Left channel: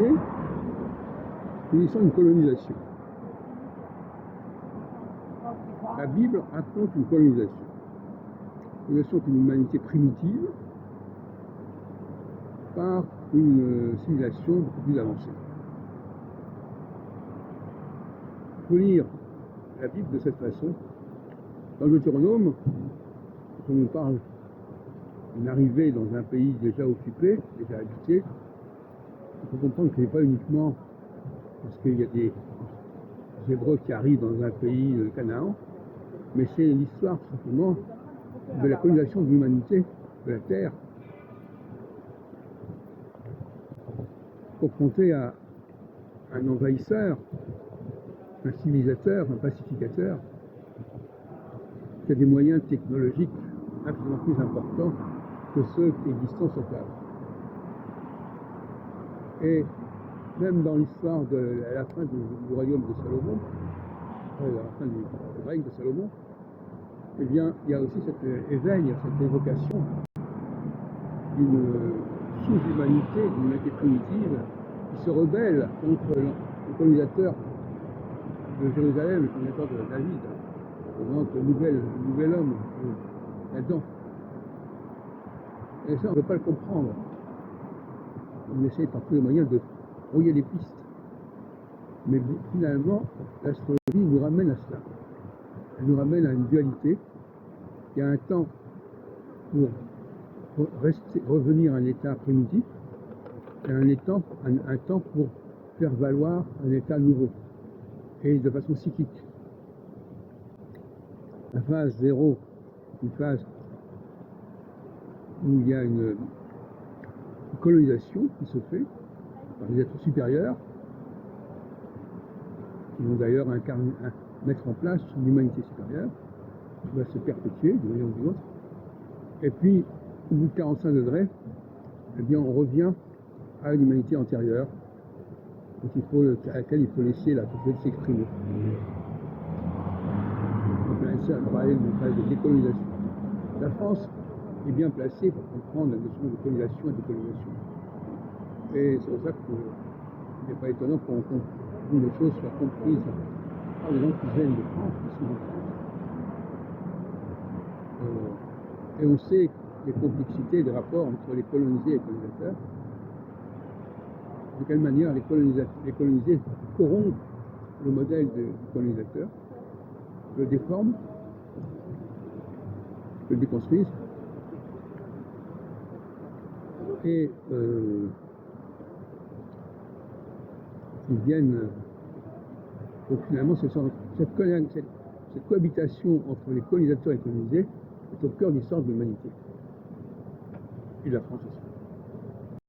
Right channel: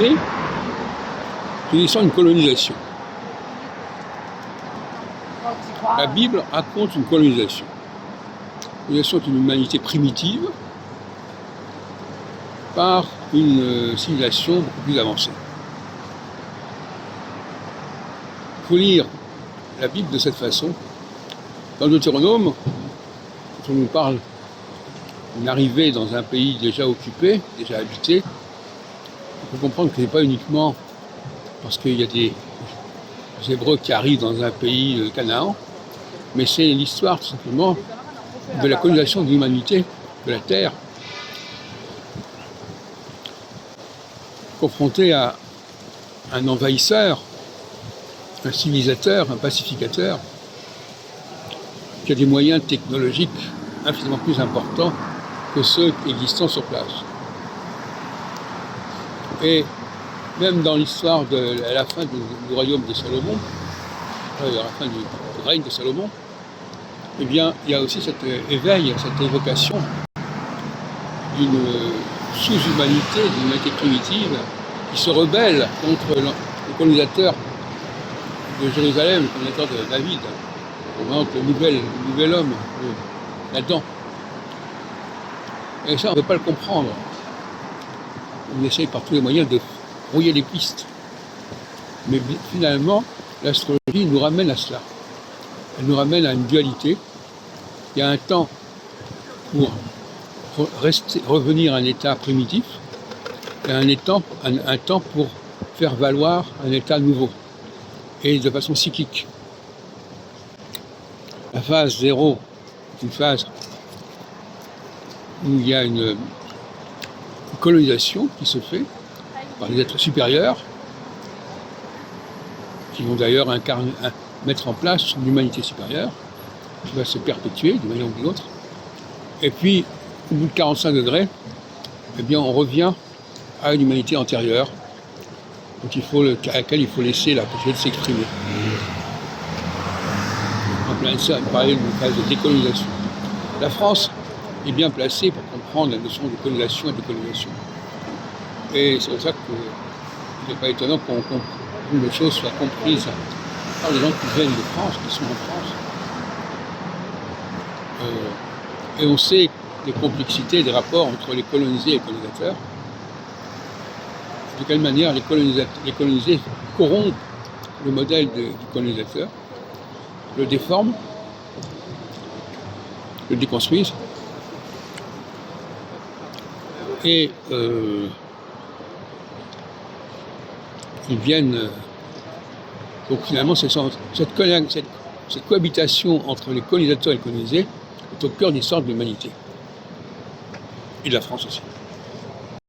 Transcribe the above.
humanité, c'est l'histoire d'une colonisation. La Bible raconte une colonisation. Une colonisation d'une humanité primitive par une civilisation beaucoup plus avancée. Il faut lire la Bible de cette façon. Dans Deutéronome, quand on nous parle d'une arrivée dans un pays déjà occupé, déjà habité, il faut comprendre que ce n'est pas uniquement parce qu'il y a des Hébreux qui arrivent dans un pays Canaan, mais c'est l'histoire tout simplement de la colonisation de l'humanité, de la terre, confrontée à un envahisseur, un civilisateur, un pacificateur, qui a des moyens technologiques infiniment plus importants que ceux existants sur place. Et même dans l'histoire à la fin du royaume de Salomon, à la fin du règne de Salomon, eh bien, il y a aussi cet éveil, cette évocation d'une sous-humanité, d'une humanité primitive qui se rebelle contre le colonisateur de Jérusalem, le colonisateur de David, le nouvel homme, Adam. Et ça, on ne peut pas le comprendre. On essaye par tous les moyens de brouiller les pistes. Mais finalement, l'astrologie nous ramène à cela. Elle nous ramène à une dualité. Il y a un temps pour revenir à un état primitif et un temps pour faire valoir un état nouveau et de façon cyclique. La phase 0 est une phase où il y a une colonisation qui se fait par les êtres supérieurs qui vont d'ailleurs mettre en place une humanité supérieure qui va se perpétuer d'une manière ou d'une autre. Et puis, au bout de 45 degrés, eh bien, on revient à une humanité antérieure à laquelle il faut laisser la possibilité de s'exprimer. En plein ça, on parlait d'une phase de décolonisation. La France est bien placée pour comprendre la notion de colonisation et de décolonisation. Et c'est pour ça qu'il n'est pas étonnant qu'une des choses soit comprise par les gens qui viennent de France, qui sont en France. Et on sait les complexités des rapports entre les colonisés et les colonisateurs. De quelle manière les colonisés corrompent le modèle du colonisateur, le déforment, le déconstruisent. Et ils viennent. Donc finalement, cette cohabitation entre les colonisateurs et les colonisés est au cœur de l'histoire de l'humanité. Et de la France aussi.